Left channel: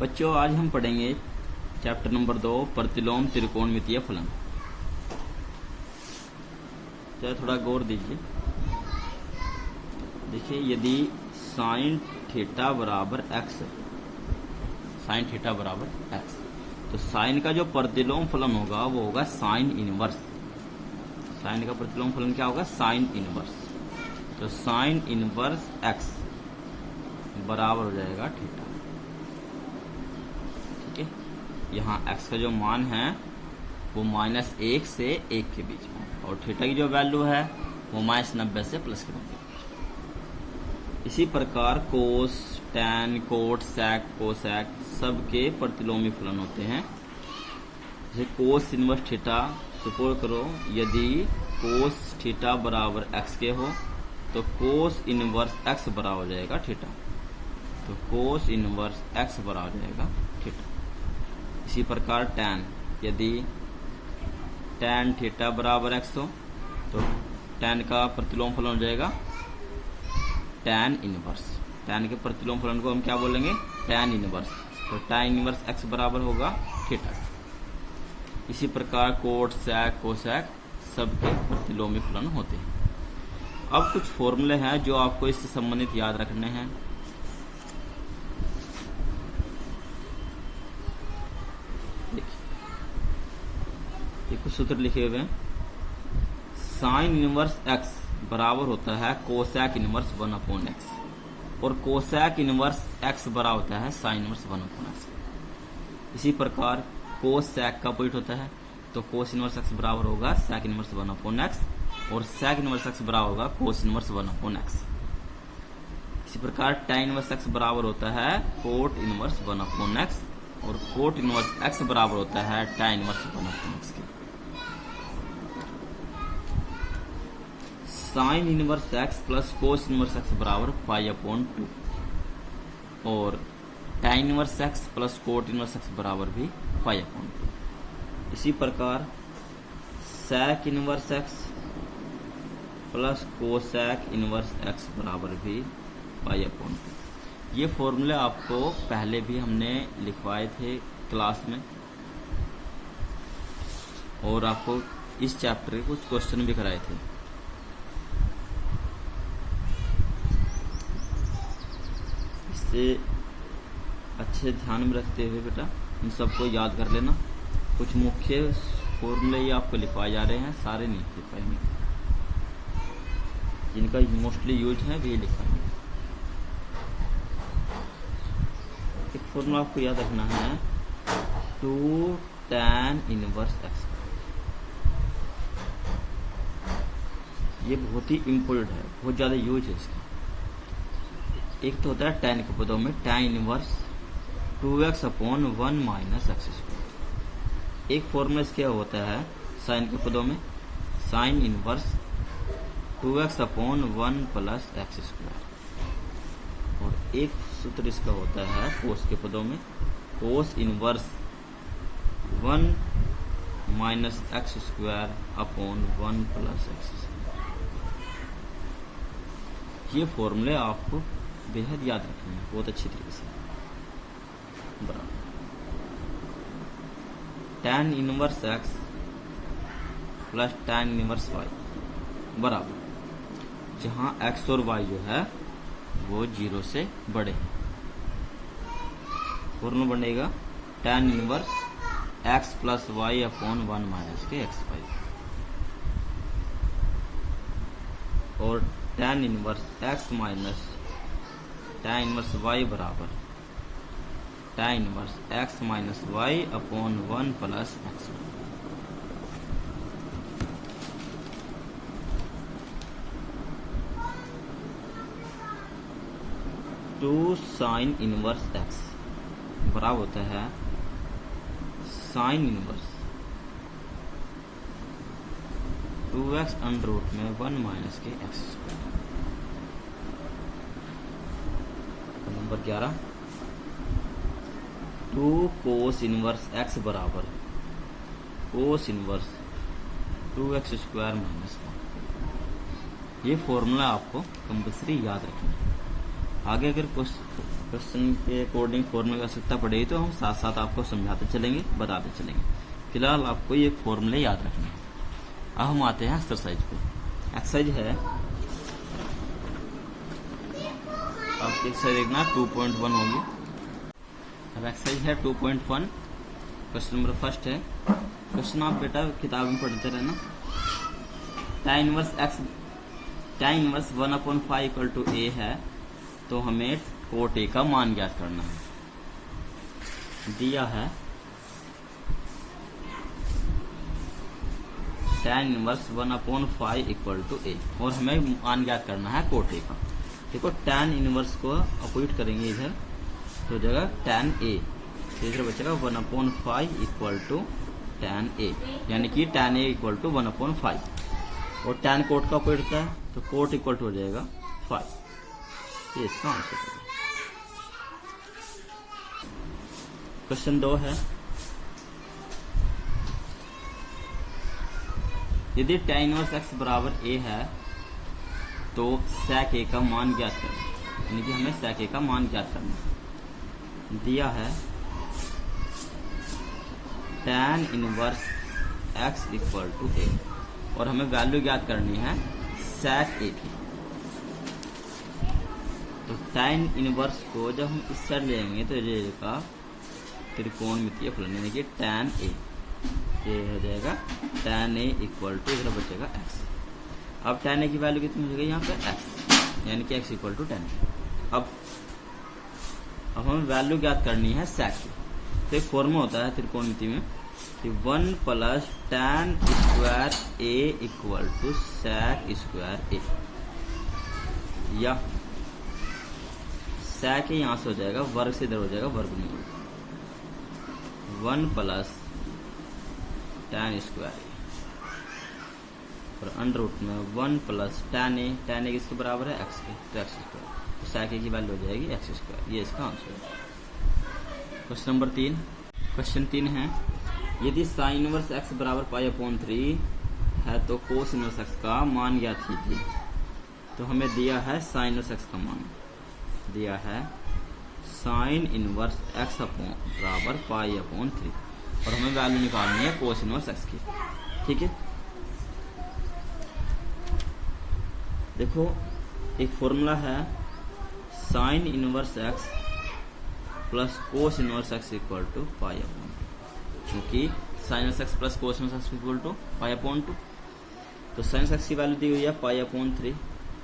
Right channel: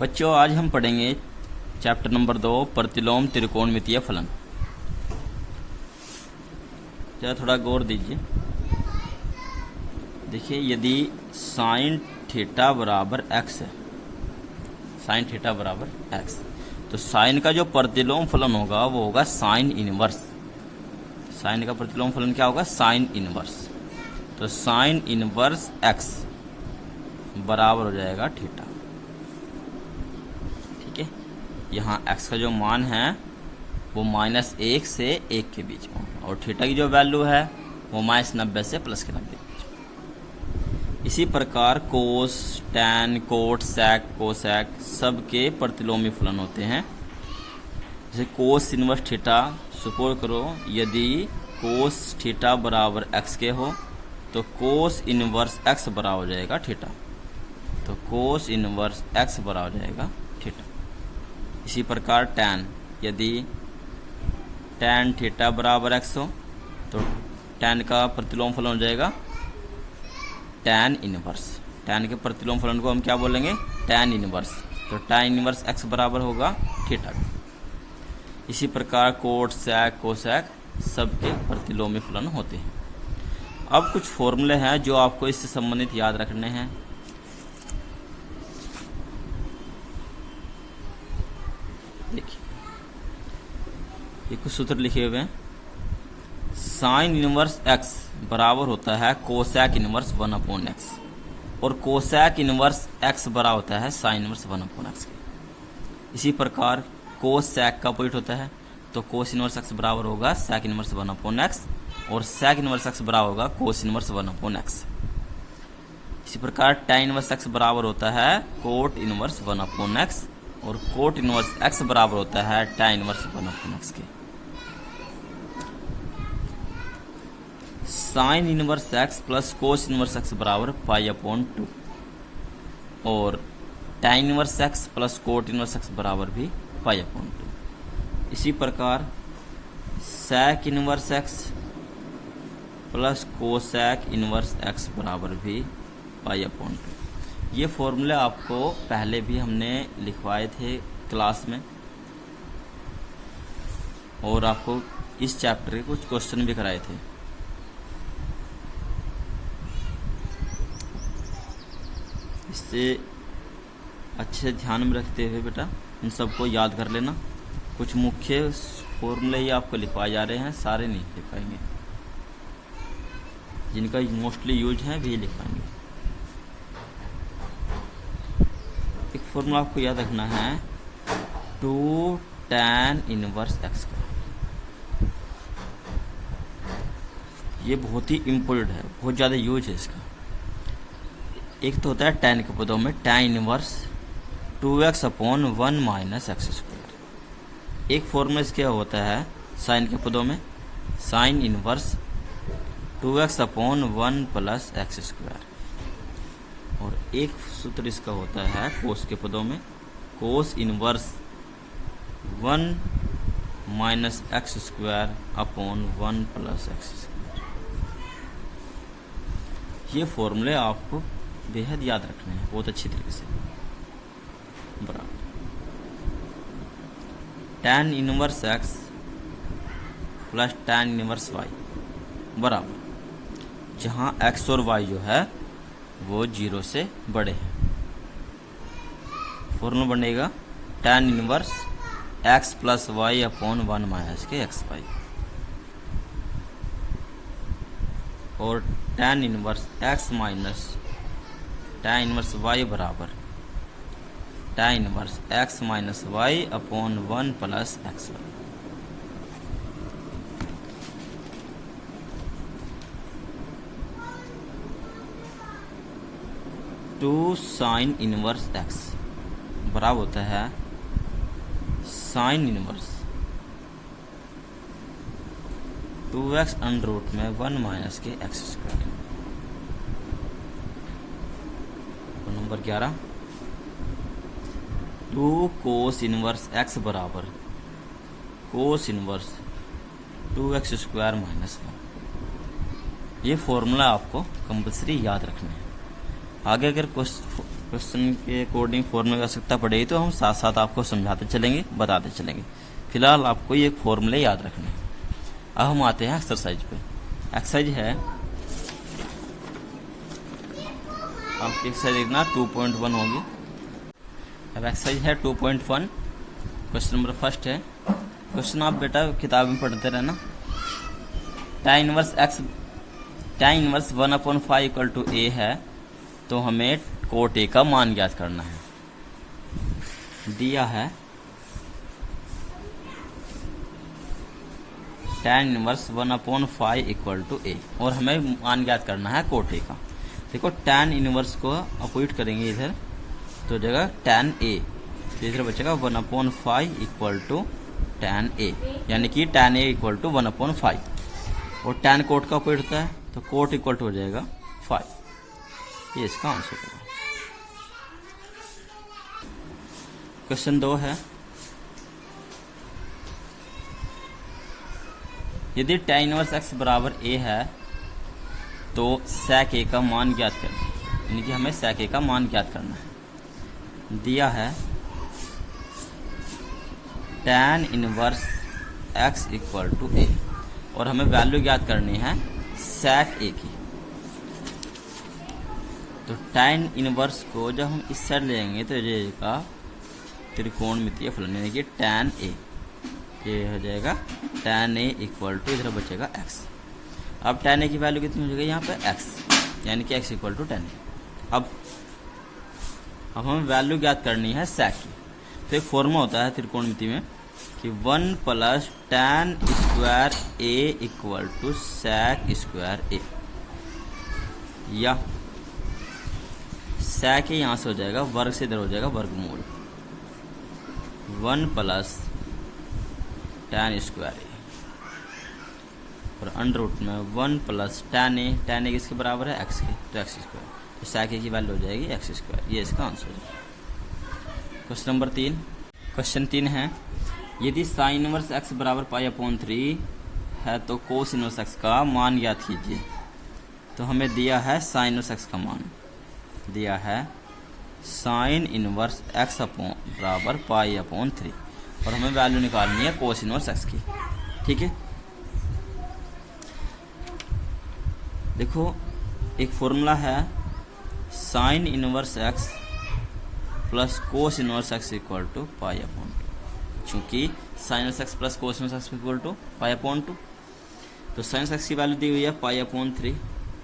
बच्चों, आज हम पढ़ेंगे चैप्टर नंबर 2 प्रतिलोम त्रिकोणमितीय फलन। जरा थोड़ा गौर दीजिए। देखिए, यदि साइन थीटा बराबर एक्स है, साइन थीटा बराबर एक्स, तो साइन का जो प्रतिलोम फलन होगा वो होगा साइन इनवर्स। साइन का प्रतिलोम फलन क्या होगा? Sine inverse. तो साइन इनवर्स एक्स बराबर हो जाएगा थीटा। ठीक है, यहाँ एक्स का जो मान है वो -1 से 1 के बीच में, और थीटा की जो वैल्यू है वो -90 से +90। इसी प्रकार कोस, टैन, कोट, सैक, कोसैक सबके प्रतिलोमी फलन होते हैं। जैसे कोस इनवर्स थीटा, सपोज करो यदि कोस थीटा बराबर एक्स के हो तो कोस इनवर्स एक्स बराबर हो जाएगा थीटा। तो कोस इनवर्स एक्स बराबर हो जाएगा थीटा। इसी प्रकार टैन, यदि टैन थीटा बराबर एक्स हो तो टैन का प्रतिलोम फलन हो जाएगा टैन इनवर्स। टैन के प्रतिलोम फलन को हम क्या बोलेंगे? Tan inverse. तो टैन इनवर्स एक्स बराबर होगा थीटा। इसी प्रकार कोट, सैक, कोसैक सबके प्रतिलोमी फलन होते हैं। अब कुछ फॉर्मूले हैं जो आपको इससे संबंधित याद रखने हैं। देखिए, ये कुछ सूत्र लिखे हुए हैं। साइन इनवर्स एक्स बराबर होता है कोसैक इनवर्स 1/x, और कोसैक इनवर्स एक्स बराबर होता है साइन इनवर्स 1/x। इसी प्रकार कोसैक का अपोजिट होता है, तो कोस इनवर्स एक्स बराबर होगा सैक इनवर्स 1/x, और सैक इनवर्स एक्स बराबर होगा कोस इनवर्स 1/x। इसी प्रकार टैन इनवर्स एक्स बराबर होता है कोट इनवर्स 1/x, और कोट इनवर्स एक्स बराबर होता है टैन इनवर्स 1/x के। Sine inverse x plus cos inverse x बराबर π/2, और tan inverse x plus cot inverse x बराबर भी π/2। इसी प्रकार sec inverse x plus cosec inverse x बराबर भी π/2। ये फॉर्मूले आपको पहले भी हमने लिखवाए थे क्लास में, और आपको इस चैप्टर के कुछ क्वेश्चन भी कराए थे। इससे अच्छे से ध्यान में रखते हुए बेटा इन सबको याद कर लेना। कुछ मुख्य फॉर्मूले ये आपको लिखवाए जा रहे हैं, सारे नहीं लिख पाएंगे, जिनका मोस्टली यूज है भी लिखवाएंगे। एक फॉर्मूला आपको याद रखना है 2 टैन इनवर्स एक्स का। ये बहुत ही इम्पोर्टेंट है, बहुत ज़्यादा यूज है इसका। एक तो होता है टैन के पदों में टैन इनवर्स 2x/1 - x²। एक फॉर्मूला इसके होता है साइन के पदों में साइन इनवर्स 2x/1 + x², और एक सूत्र इसका होता है कोस के पदों में कोस इनवर्स 1 - x²/1 + x²। ये फॉर्मूले आपको बेहद याद रखने हैं बहुत अच्छी तरीके से। बराबर tan inverse x plus tan inverse y बराबर, जहाँ एक्स और वाई जो है वो 0 से बड़े हैं। फॉर्मूला बनेगा tan inverse x plus y/1 - xy, और tan inverse x minus tan inverse y बराबर tan inverse x - y/1 + xy। Two sine inverse x बराबर होता है sine inverse 2x√1 - x²। Number 11 2 cos inverse x बराबर cos inverse 2x² - 1। ये formula आपको compulsory याद रखना है। आगे अगर क्वेश्चन के अकॉर्डिंग फॉर्मूले की आवश्यकता पड़ेगी तो हम साथ साथ आपको समझाते चलेंगे, बताते चलेंगे। फिलहाल आपको ये फॉर्मूले याद रखने हैं। अब हम आते हैं एक्सरसाइज पे। एक्सरसाइज है आपकी एक्सरसाइज देखना 2.1 होगी। अब एक्सरसाइज है 2.1। क्वेश्चन नंबर फर्स्ट है। क्वेश्चन आप बेटा किताब में पढ़ते रहना। tan inverse 1/5 equal to a है, तो हमें कोट a का मान ज्ञात करना है। दिया है tan inverse 1/5 equal to a और हमें मान ज्ञात करना है कोट a का। देखो tan इनवर्स को अपोजिट करेंगे इधर तो हो जाएगा tan a, तो इधर बचेगा 1/5 इक्वल टू tan a, यानी कि tan a इक्वल टू 1/5 और tan कोट का अपोजिट होता है तो कोट इक्वल टू हो जाएगा 5। ये इसका आंसर है। क्वेश्चन 2 है। यदि tan इनवर्स x बराबर a है तो sec a का मान ज्ञात करें, यानी कि हमें sec a का मान ज्ञात करना है। दिया है tan inverse x equal to a और हमें वैल्यू ज्ञात करनी है sec a की। तो tan इनवर्स को जब हम इस साइड लेंगे तो ये का त्रिकोणमितीय फलन, यानी कि tan a, ये हो जाएगा tan a इक्वल टू इधर बचेगा x। अब tan a की वैल्यू कितनी हो जाएगी यहाँ पे x, यानी कि x equal to tan a। अब हमें वैल्यू ज्ञात करनी है sec की। तो एक फॉर्मूला होता है त्रिकोणमिति में कि 1 plus tan square a equal to sec square a, या sec a यहाँ से हो जाएगा वर्ग से इधर हो जाएगा वर्गमूल 1 प्लस tan स्क्वायर a और अंडर रूट में 1 प्लस tan a किसके बराबर है x के, तो x स्क्वायर, तो sec a की वैल्यू हो जाएगी x स्क्वायर। ये इसका आंसर है। Question number 3। क्वेश्चन 3 है। यदि sin इनवर्स x बराबर π/3 है तो cos इनवर्स x का मान ज्ञात कीजिए। तो हमें दिया है sin इनवर्स x का मान, दिया है sin इनवर्स x बराबर π/3 और हमें वैल्यू निकालनी है cos इनवर्स x की। ठीक है, देखो एक फॉर्मूला है sin inverse x plus cos inverse x equal to π/2। चूंकि sin inverse x plus cos inverse x equal to π/2, तो sin इनवर्स x की वैल्यू दी हुई है π/3,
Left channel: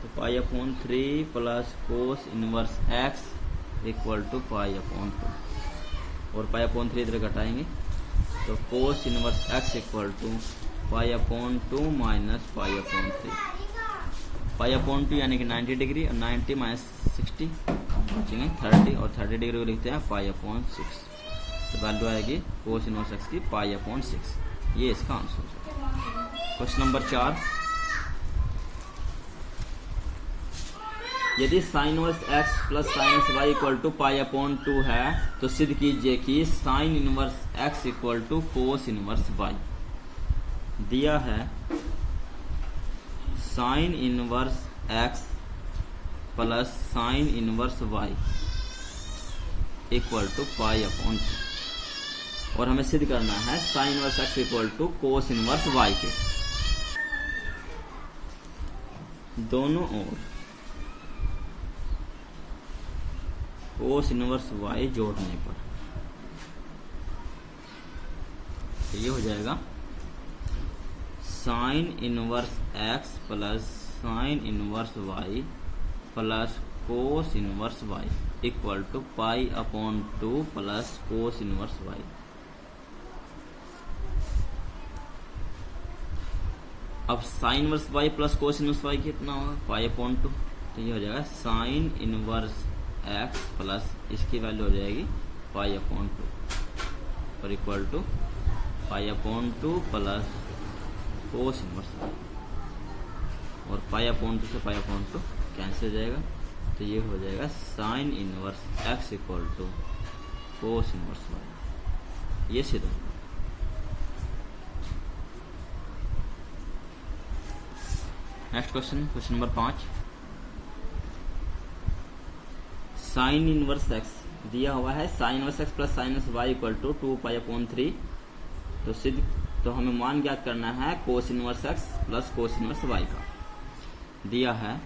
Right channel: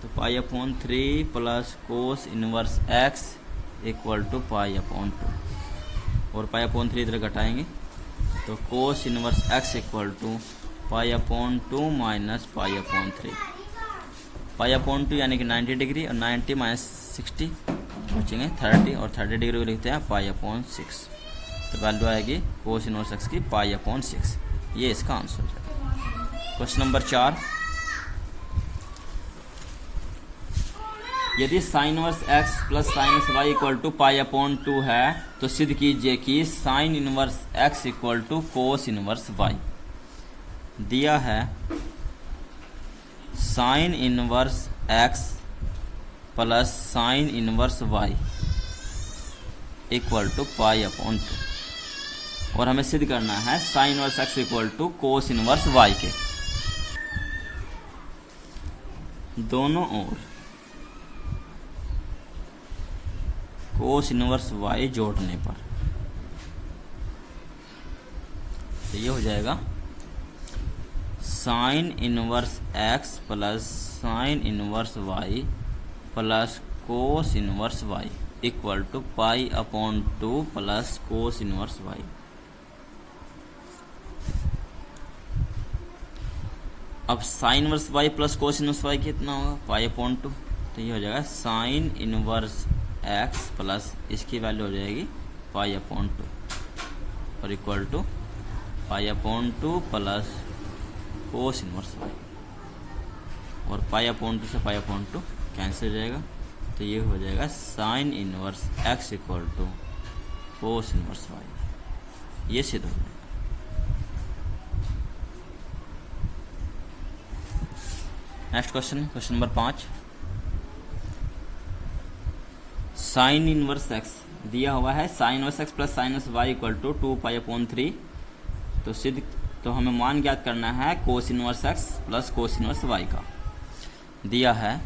तो π/3 plus cos inverse x equal to π/2 और π/3 इधर घटाएंगे तो cos inverse x equal to π/2 minus π/3। π/2 यानी कि 90 डिग्री और 90 माइनस 60 बचेंगे 30 और 30 डिग्री को लिखते हैं π/6, तो वैल्यू आएगी cos इनवर्स x की π/6। ये इसका आंसर है। Question number 4। यदि sin inverse x plus sin inverse y equal to π/2 है तो सिद्ध कीजिए कि sin inverse x equal to cos inverse y। दिया है sin inverse x plus sin inverse y equal to π/2 और हमें सिद्ध करना है sin inverse x equal to cos inverse y के दोनों ओर cos इनवर्स y जोड़ने पर। तो ये हो जाएगा sin inverse x plus sin inverse y plus cos inverse y equal to π/2 plus cos inverse y। अब sin inverse y plus cos inverse y कितना होगा π/2, तो ये हो जाएगा sin इनवर्स x प्लस इसकी वैल्यू हो जाएगी π/2 और equal to π/2 plus cos inverse y और π/2 से π/2 कैंसिल हो जाएगा, तो ये हो जाएगा sin inverse x equal to cos inverse y। ये सिद्ध हो गया। Next question, question number 5। Sine inverse X दिया हुआ है, sine inverse x plus sine inverse Y equal to 2π/3। तो हमें मान ज्ञात करना है cos inverse x plus cos inverse Y का। दिया है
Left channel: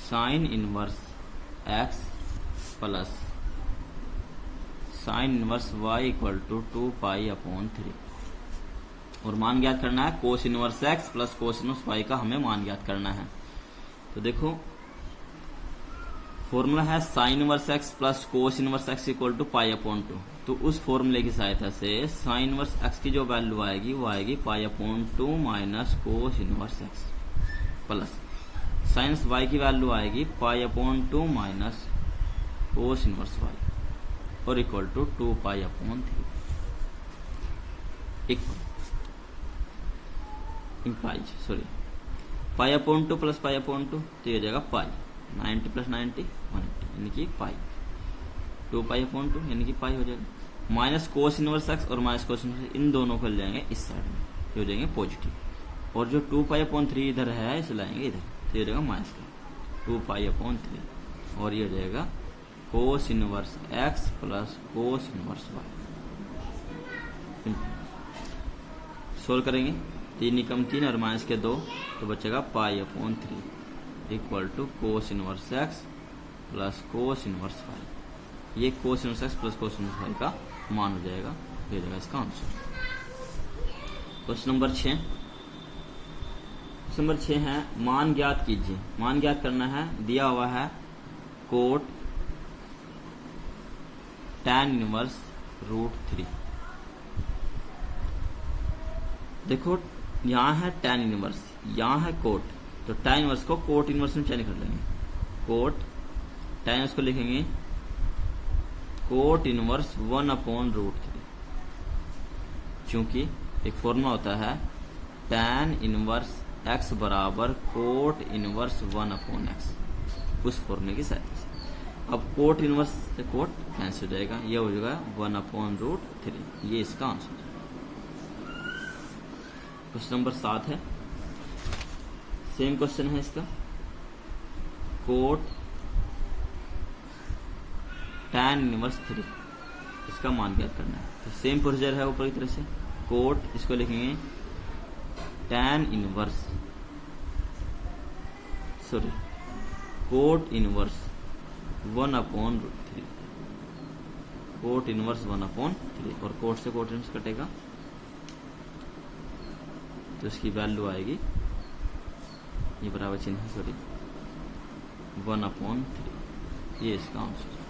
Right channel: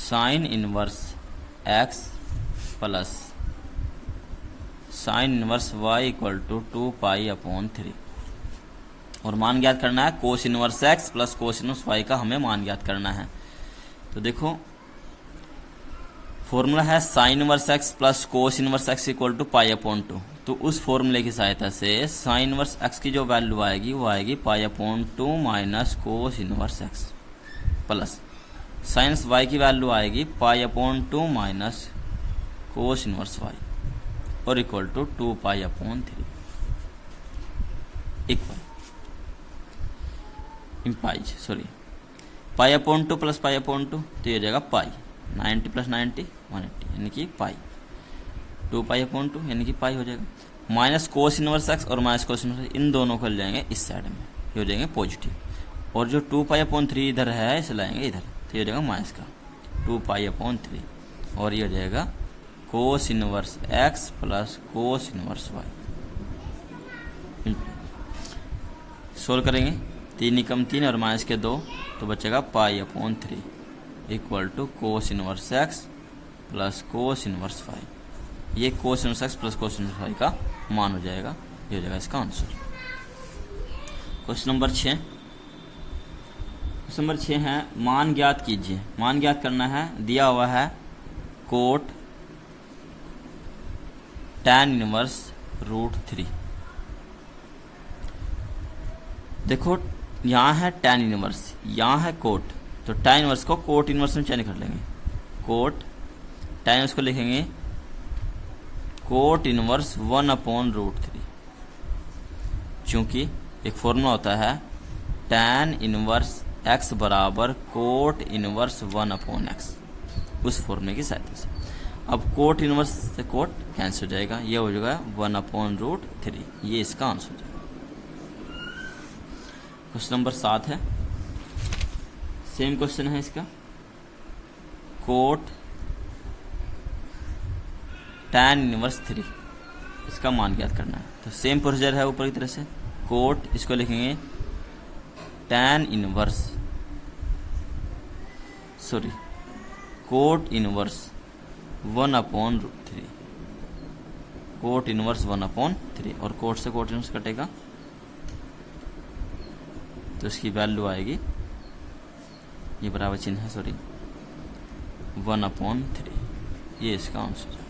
sine inverse x plus sine inverse Y equal to 2π/3 और मान ज्ञात करना है cos inverse x plus cos inverse Y का हमें मान ज्ञात करना है। तो देखो फॉर्मूला है sine inverse x plus cos inverse X equal to π/2। तो उस फॉर्मूले की सहायता से साइन इनवर्स एक्स की जो वैल्यू आएगी वो आएगी π/2 minus cos inverse x plus sine Y की वैल्यू आएगी π/2 माइनस कोस इनवर्स वाई और equal to 2π/3 equal implies π/2 plus π/2 तो ये हो जाएगा पाई 90 प्लस 90 180 यानी कि पाई 2π/2 यानी कि पाई हो जाएगा माइनस कोस इनवर्स एक्स और माइनस कोस इनवर्स इन दोनों को ले जाएंगे इस साइड में, ये हो जाएंगे पॉजिटिव और जो 2π/3 इधर है इसे लाएंगे इधर, तो ये हो जाएगा माइनस का 2π/3 और ये हो जाएगा cos inverse x plus cos inverse y. Solve करेंगे 3 एकम 3 और माइनस के 2 तो बचेगा π/3 equal to cos inverse x plus cos inverse Y. ये cos inverse x plus cos inverse Y का मान हो जाएगा, ये हो जाएगा इसका answer. Question number 6। Question number 6 है मान ज्ञात कीजिए। मान ज्ञात करना है, दिया हुआ है कोट tan इनवर्स √3। देखो यहाँ है tan इनवर्स, यहाँ है कोट, तो tan इनवर्स को कोट इनवर्स में चेंज कर लेंगे। कोट tan इनवर्स को लिखेंगे कोट इनवर्स 1/√3, चूंकि एक फॉर्मूला होता है tan इनवर्स x बराबर कोट इनवर्स 1/x, उस फॉर्मूले की सहायता से। अब कोट इनवर्स से कोट कैंसिल हो जाएगा, ये हो जाएगा 1/√3, ये इसका आंसर हो जाएगा। क्वेश्चन नंबर 7 है, सेम क्वेश्चन है इसका, कोट tan इनवर्स 3 इसका मान ज्ञात करना है। तो सेम प्रोसीजर है ऊपर की तरह से, कोट इसको लिखेंगे tan inverse cot inverse 1/√3, cot inverse 1/3 और कोट से कोट इनवर्स कटेगा तो इसकी वैल्यू आएगी, ये बराबर चिन्ह है 1/3, ये इसका आंसर है।